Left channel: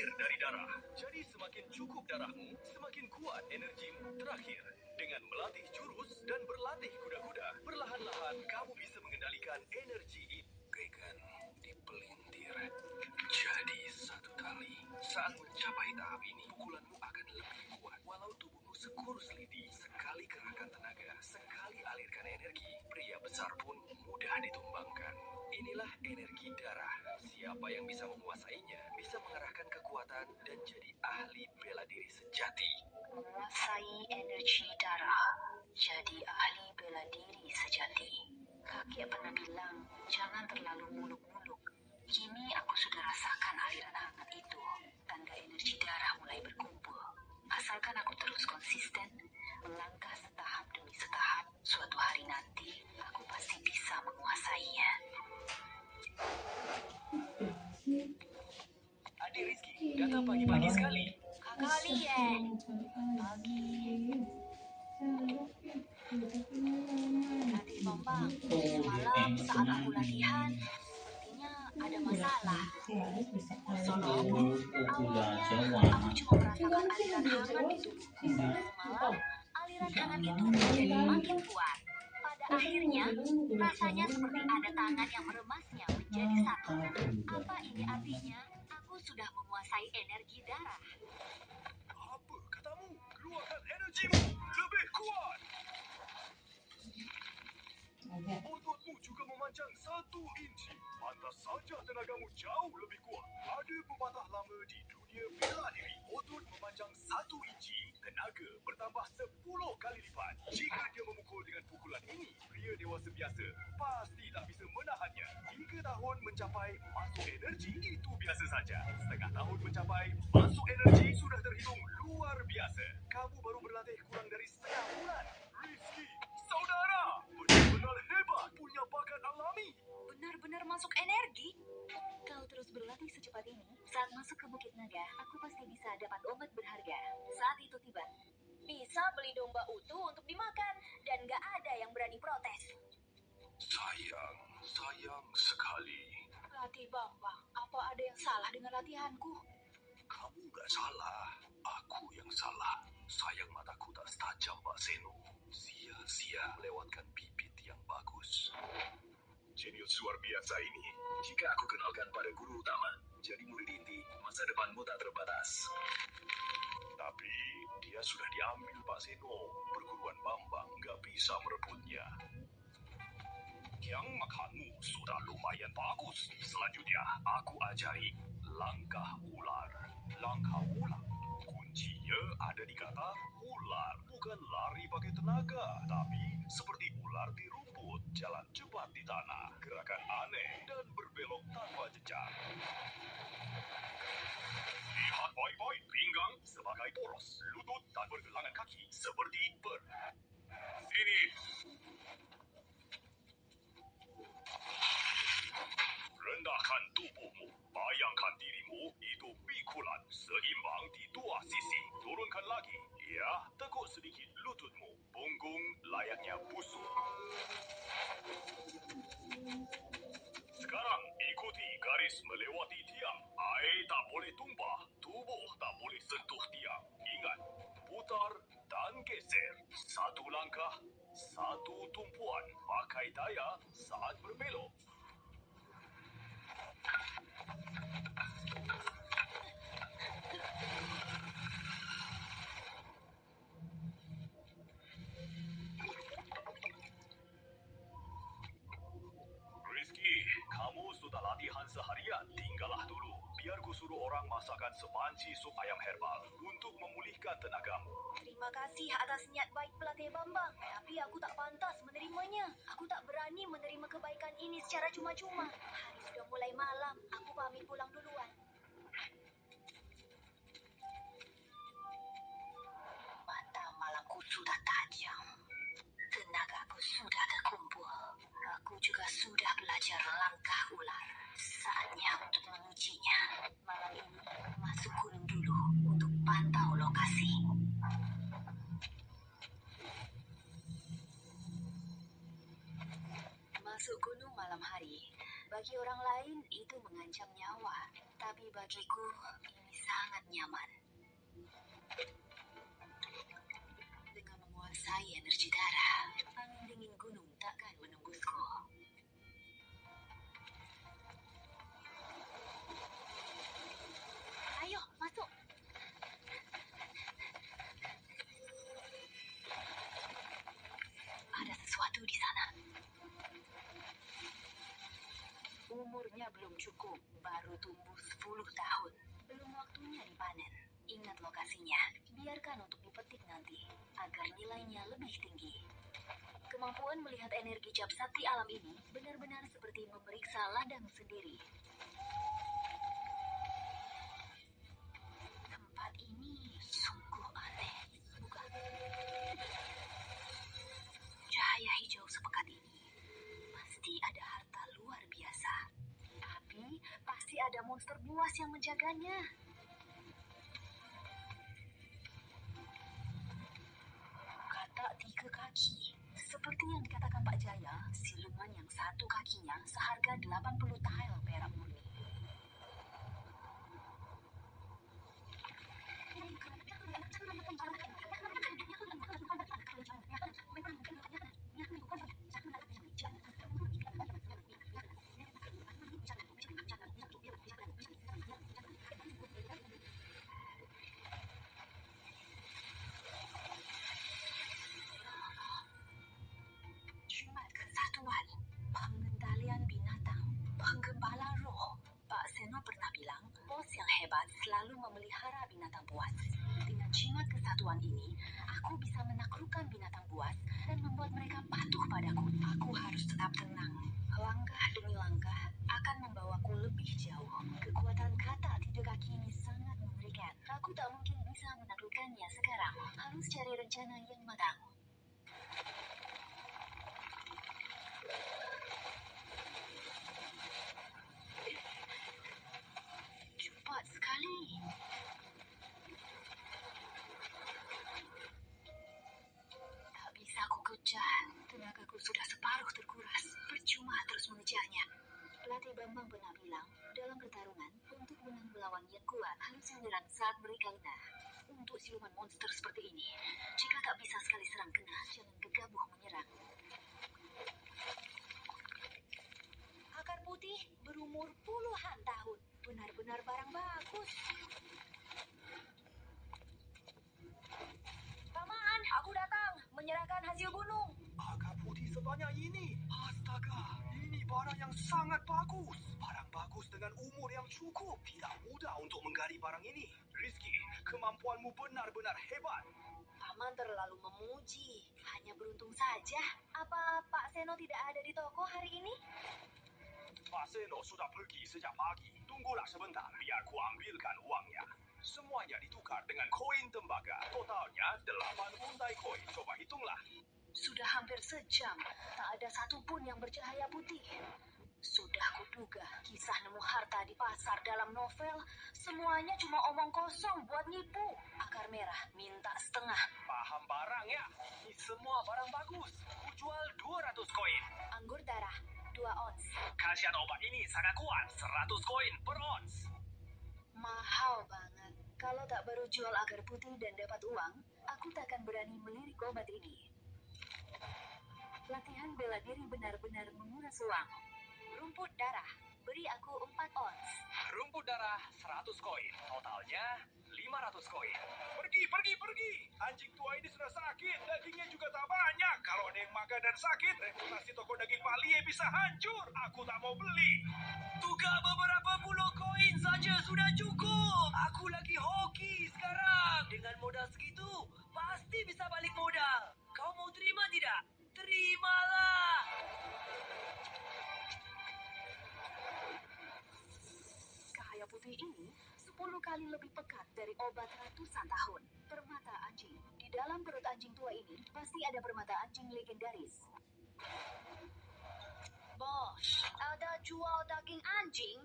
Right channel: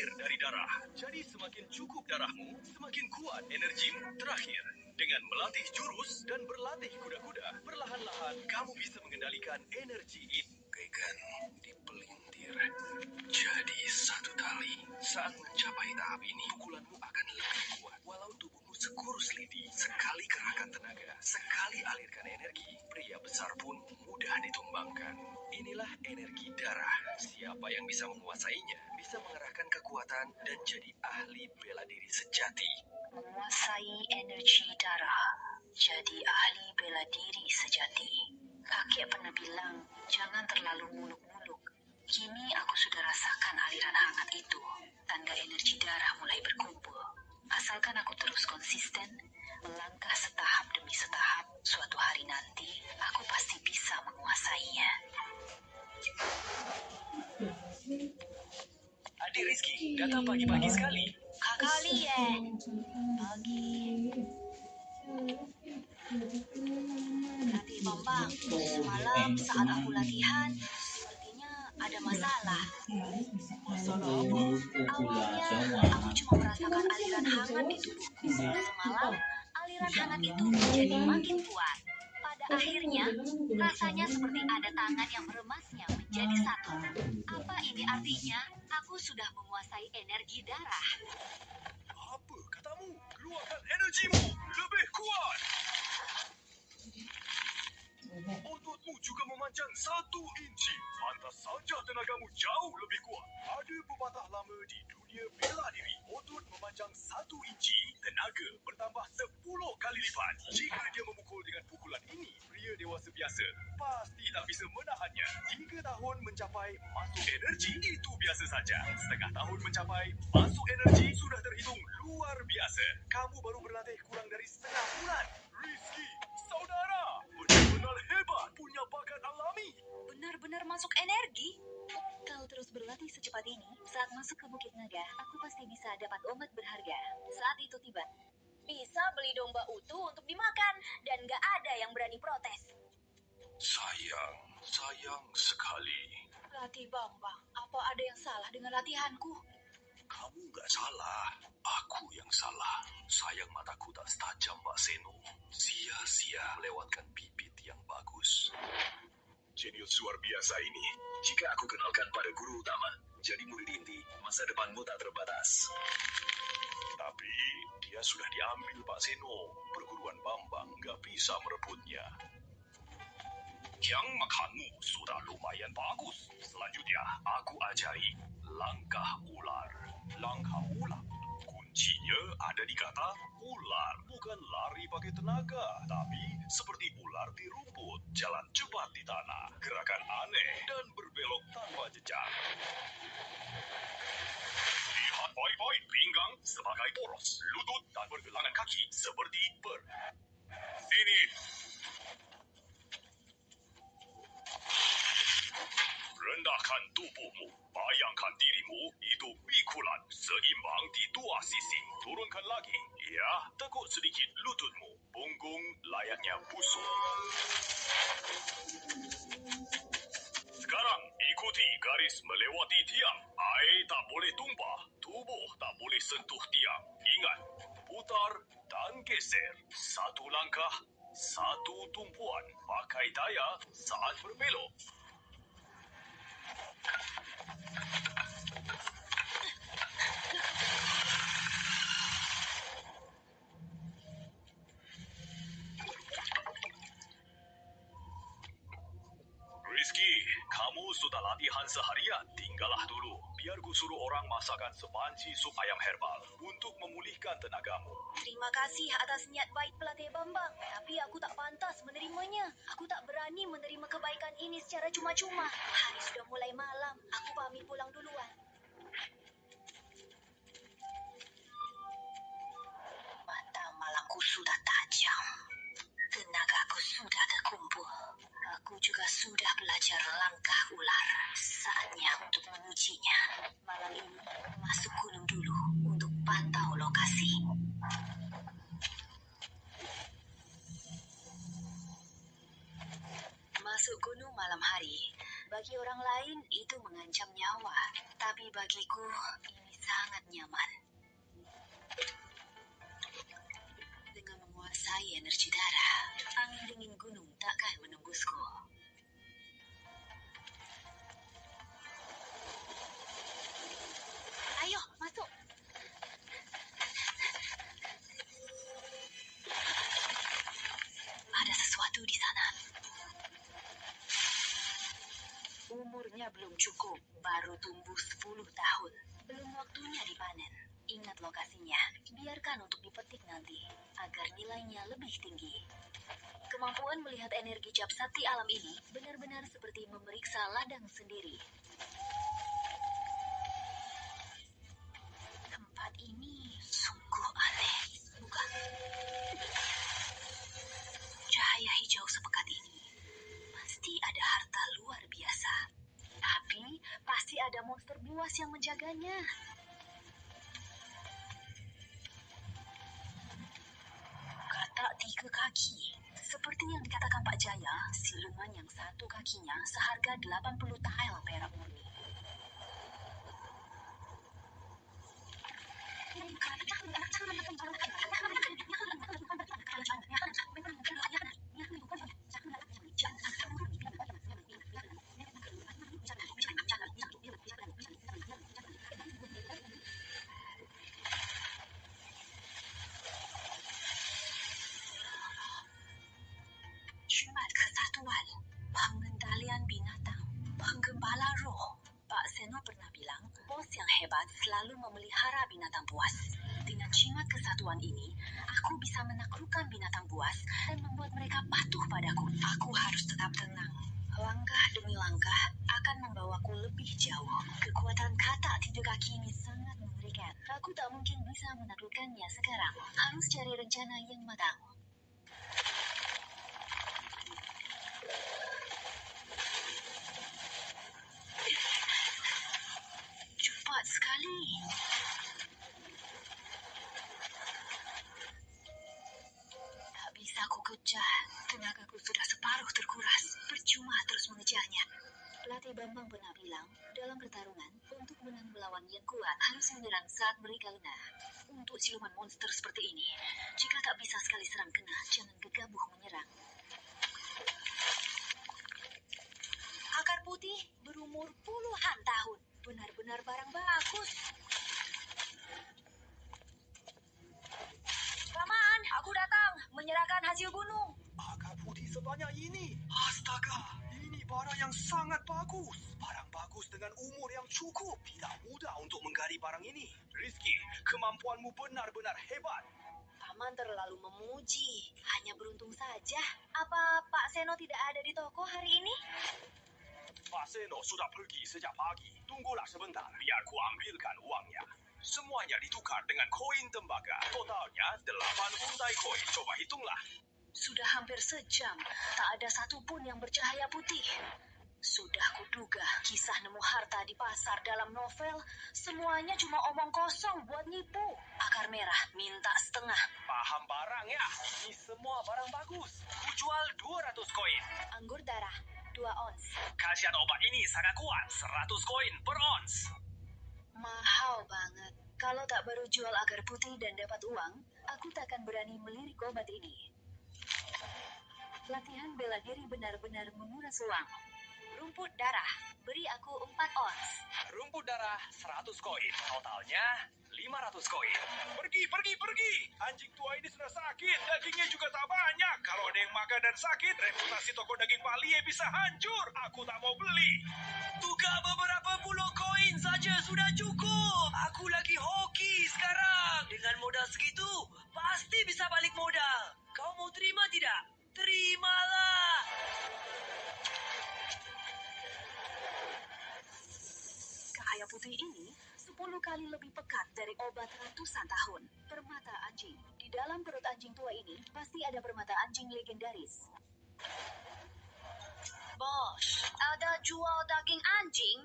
air dari darah. Jadi semakin cukup darahmu, semakin kuat energimu. Terakhir, dengan melatih jurus dan berlatih kuda-kuda, perlahan-lahan kamu bisa mengendalikan energi ini. Bagaikan dipelintir. Jadi satu tali. Saat mencapai tahap ini, pukulanmu akan lebih kuat. Walau tubuhmu sekurus lidi, sekali kerahkan tenaga, sekali alirkan energi, pria besar pun mudah ditumbangkan. Inilah energi darah. Siapa yang bisa menguasainya, bisa mengerahkan kekuatan dan jadi ahli bela diri sejati. Menguasai energi darah, jadi ahli bela diri sejati. Kakek pernah bilang, jangan terlalu muluk-muluk. Kini aku sudah rasakan aliran hangat itu. Tanda energi darah mulai berkumpul. Asalkan aku terus konsisten, melangkah setahap demi setahap, suatu hari nanti aku pasti bisa menguasainya. Adik Rizky datang pagi-pagi sekali. Kakak Lien, pagi. Latih Bambang, semalam saat aku latihan, sepertinya ada masalah. Masalah apa? Awalnya, aku cuma merasakan aliran hangat di tubuhku. Semalam, aliran hangat itu menjadi makin kuat. Pada akhirnya, rasanya seperti ada tangan yang meremasnya menjadi satu. Apa ini artinya? Aku sudah menguasai energi darah. Apa katamu? Keluarkan energimu lebih kuat. Ototmu juga memanjang 1 inci. Pantas saja tenagamu jauh lebih kuat. Ada pepatah lama di dunia bela diri. Otot memanjang 1 inci, tenaga bertambah 10 kali lipat. Jika dia memukul dengan pukulan ini, pria dewasa biasa pasti tak bisa menahannya. 3 tahun mencapai masuk energi itu biasa saja. Setengah tahun mencapai masuk energi sudah terhitung luar biasa. Kamu baru berlatih kurang dari setengah bulan. Rizky, saudara, benar-benar hebat, punya bakat alami. Benar-benar masuk energi. Kau terus berlatih secepat ini, saat masuk ke Bukit Naga, aku pasti bisa dapat obat berharga. Saat itu tiba, bisa beli domba utuh untuk dimakan, dan gak ada yang berani protes. Sayang sekali. Latih Bambang, apa ada yang salah dengan latihanku? Kamu gak salah, aku yang salah. Sayang mataku tak setajam Mbak Seno. Sia-sia melewatkan bibit yang bagus. Jenius luar biasa ini. Jika aku kenalkan pada guru utama, jadi murid inti, masa depanmu tak terbatas. Tapi dia sudah diambil Pak Seno. Perguruan Bambang gak bisa merebutnya. Yang makanmu sudah lumayan bagus. Selanjutnya, aku ajari langkah ular. Langkah ular. Kuncinya ada di kata ular. Bukan lari pakai tenaga, tapi seperti ular di rumput, jalan cepat di tanah, gerakan aneh, dan berbelok tanpa jejak. Lihat baik-baik pinggang sebagai poros, lutut dan pergelangan kaki seperti ber. Sini. Rendahkan tubuhmu. Bayangkan dirimu itu pikulan seimbang di 2 sisi. Turunkan lagi. Ya, tekuk sedikit lututmu. Punggung layaknya busuk. Sekarang ikuti garis melewati tiang. Air tak boleh tumpah. Tubuh tak boleh sentuh tiang. Ingat, putar dan geser. 1 langkah, 1 tumpuan. Pakai daya saat berbelok. Rizky, kamu sudah latihan seharian. Tinggallah dulu. Biar ku suruh orang masakkan sepanci sup ayam herbal untuk memulihkan tenagamu. Terima kasih atas niat baik pelatih Bambang, tapi aku tak pantas menerimanya. Aku tak berani menerima kebaikan ini secara cuma-cuma. Hari sudah mulai malam, aku pamit pulang duluan. Mata malamku sudah tajam. Tenagaku sudah terkumpul. Aku juga sudah belajar langkah ular. Saatnya untuk mengujinya. Malam ini, masuk gunung dulu untuk pantau lokasi. Masuk gunung malam hari, bagi orang lain itu mengancam nyawa. Tapi bagiku, ini sangat nyaman. Dengan menguasai energi darah, angin dingin gunung takkan menembusku. Ayo, masuk. Ada sesuatu di sana. Umurnya belum cukup, baru tumbuh 10 tahun. Belum waktunya dipanen. Ingat lokasinya, biarkan untuk dipetik nanti, agar nilainya lebih tinggi. Kemampuan melihat energi cap sakti alam ini benar-benar seperti memeriksa ladang sendiri. Tempat ini sungguh aneh, bukan? Cahaya hijau sepekat ini, pasti ada harta luar biasa. Tapi pasti ada monster buas yang menjaganya. Kata 3 kaki. Seperti yang dikatakan Pak Jaya, siluman yang satu kakinya seharga 80 tael perak murni. Jumat Kesatuan, Pengendalian Binatang, Penggembala Roh. Pak Seno pernah bilang, bos yang hebat selalu memelihara binatang buas. Dengan jimat kesatuan ini, aku bisa menaklukkan binatang buas dan membuat mereka patuh padaku. Aku harus tetap tenang. Langkah demi langkah akan membawaku lebih jauh. Kekuatan kata 3 kaki ini sangat mengerikan. Aku tak mungkin bisa menaklukkannya sekarang. Harus cari rencana yang matang. Cepat sekali. Tak bisa ku kejar. Tenagaku sudah separuh terkuras. Percuma terus mengejarnya. Pelatih Bambang pernah bilang, dalam pertarungan, untuk menang melawan yang kuat harus menyerang saat mereka lengah. Untuk siluman monster seperti ini, jika tak bisa sekali serang kena, jangan gegabah menyerang. Akar putih berumur puluhan tahun. Benar-benar barang bagus. Paman, aku datang menyerahkan hasil gunung. Akar putih sebanyak ini. Astaga, ini barang yang sangat bagus. Barang bagus dengan umur yang cukup. Tidak mudah untuk menggali barang ini. Rizky, kemampuanmu benar-benar hebat. Paman terlalu memuji. Hanya beruntung saja. Apa Pak Seno tidak ada di toko hari ini? Pak Seno sudah pergi sejak pagi. Tunggulah sebentar, biar ku ambilkan uangnya. Semuanya ditukar dengan koin tembaga. Totalnya 8 untai koin. Coba hitunglah. Sudah hampir sejam. Tak ada satupun yang bercahaya putih. Sudah kuduga kisah nemu harta di pasar dalam novel. Semuanya cuma omong kosong buat nipu. Akar merah minta setengah. Paham barang ya? Ini semua barang bagus. Ku jual 200 koin. Anggur darah 2 ons. Khasiat obat ini sangat kuat. 100 koin per ons. Mahal banget. Kalau tak baru jual agar putih dan dapat uang, aku takkan berani melirik obat ini. Latihan bela diri benar-benar menguras uang. Rumput darah, beri aku 4 ons. Rumput darah 100 koin. Totalnya 500 koin. Pergi, pergi, pergi. Anjing tua ini sudah sakit. Dagingnya juga tak banyak. Kalau ada yang makan dan sakit, reputasi toko daging Palie bisa hancur. Aku tak mau beli. Tukar beberapa puluh koin saja sudah cukup. Aku lagi hoki sekarang. Dengan modal segitu, pasti bisa balik modal. Kau mau terima tidak? Terimalah. Cahaya putih ini 10 kali lebih pekat dari obat ratusan tahun. Permata anjing. Di dalam perut anjing tua ini pasti ada permata anjing legendaris. Bos, ada jual daging anjing?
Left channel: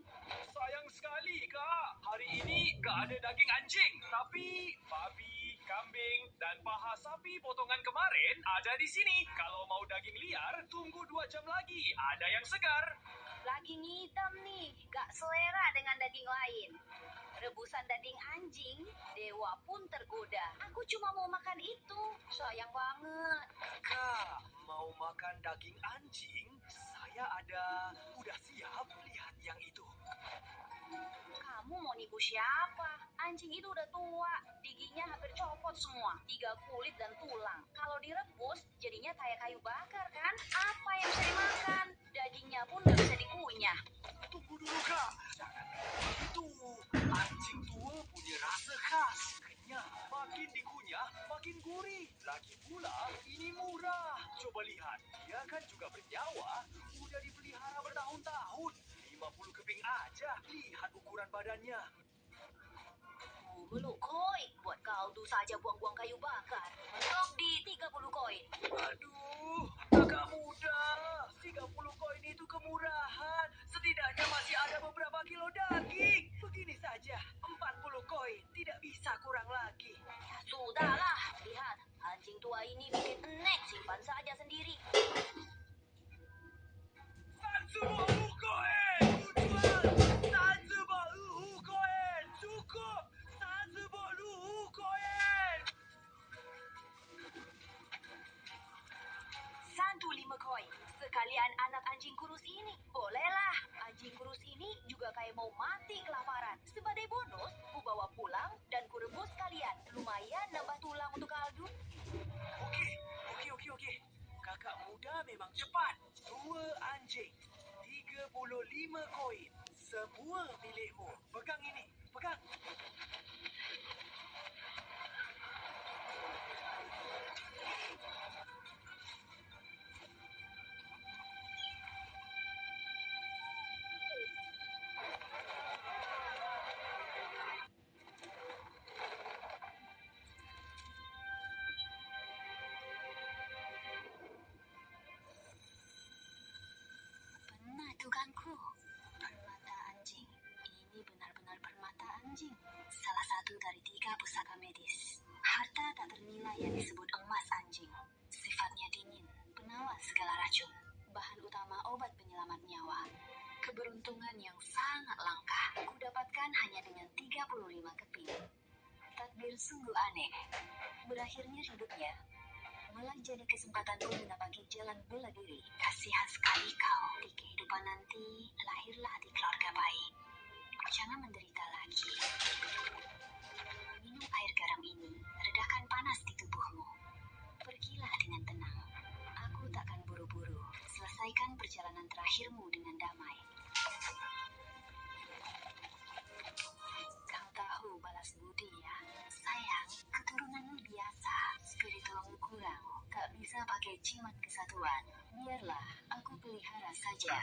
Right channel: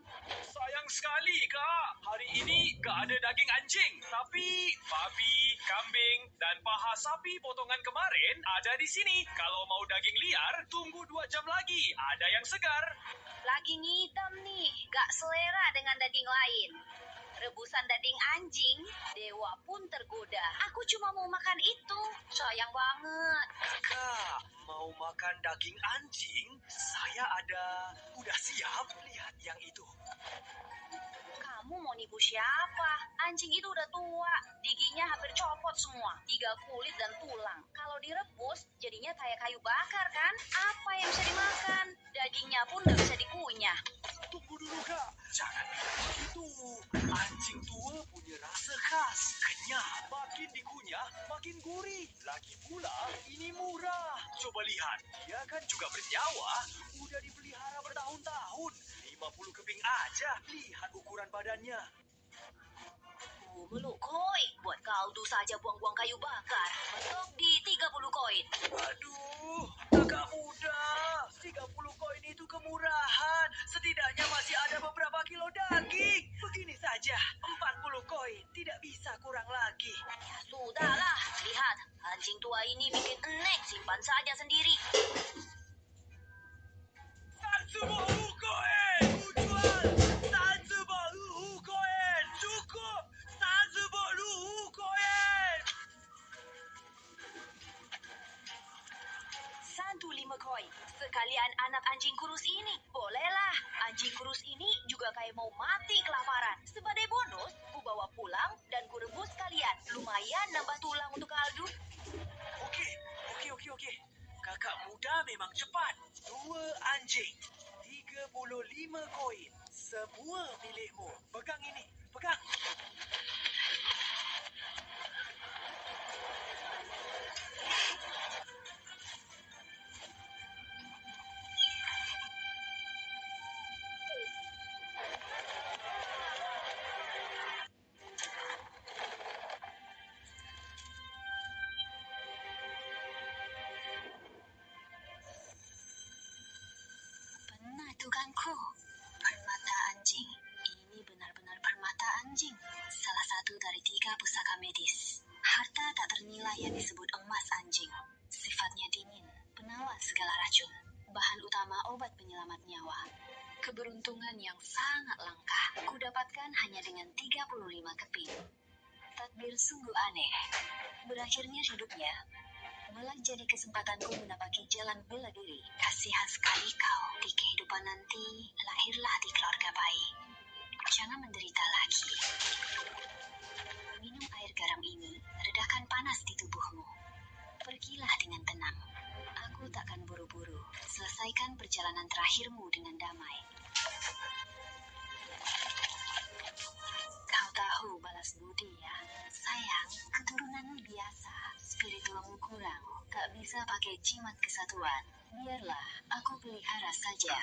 Sayang sekali, Kak. Hari ini gak ada daging anjing. Tapi babi, kambing, dan paha sapi potongan kemarin ada di sini. Kalau mau daging liar, tunggu 2 jam lagi. Ada yang segar. Lagi ngidam nih, gak selera dengan daging lain. rebusan daging anjing, dewa pun tergoda. Aku cuma mau makan itu. Sayang banget. Kak, mau makan daging anjing? Saya ada. Udah siap? Lihat yang itu. Kamu mau nipu siapa? Anjing itu udah tua, giginya hampir copot semua, tinggal kulit dan tulang. Kalau direbus, jadinya kayak kayu bakar kan? Apa yang bisa dimakan? Dagingnya pun nggak bisa dikunyah. Tunggu dulu, Kak. Jangan bilang begitu. Anjing tua punya rasa khas. Kenyal. Makin dikunyah, makin gurih. Lagi pula, ini murah. Coba lihat. Dia kan juga bernyawa. Udah dipelihara bertahun-tahun. 50 keping aja. Lihat ukuran badannya. Meluk koin, buat kau tuh saja buang-buang kayu bakar. Mentok di 30 koin. Aduh, kakak muda. 30 koin itu kemurahan. Setidaknya masih ada beberapa kilo daging. Begini saja, 40 koin. Tidak bisa kurang lagi. Sudahlah, lihat. Anjing tua ini bikin enek, simpan saja sendiri. Satsubo koin! Kujual! Satsubo koin! Cukup! Satsubo koin! 105 koin. Sekalian anak anjing kurus ini. Bolehlah. Anjing kurus ini juga kayak mau mati kelaparan. Sebagai bonus, ku bawa pulang dan ku rebus kalian. Lumayan nambah tulang untuk kaldu. Oke. Kakak muda memang cepat. 2 anjing. 35 koin. Semua milikmu. Pegang ini. Pegang. Pernah dugaanku. Permata anjing. Ini benar-benar permata anjing. Salah satu dari 3 pusaka medis. Harta tak ternilai yang disebut emas anjing. Sifatnya dingin, penawar segala racun. Bahan utama obat penyelamat nyawa. Keberuntungan yang sangat langka. Kudapatkan hanya dengan 35 keping. Takdir sungguh aneh. Berakhirnya hidupnya malah jadi kesempatanku menapaki jalan bela diri. Kasihan sekali kau. Di kehidupan nanti, lahirlah di keluarga baik. Jangan menderita lagi. Minum air garam ini, redakan panas di tubuhmu. Pergilah dengan tenang. Aku takkan buru-buru. Selesaikan perjalanan terakhirmu dengan damai. Kau tahu balas budi ya? Sayang, keturunanmu biasa. Spiritualmu kurang. Tak bisa pakai jimat kesatuan. Biarlah, aku pelihara saja.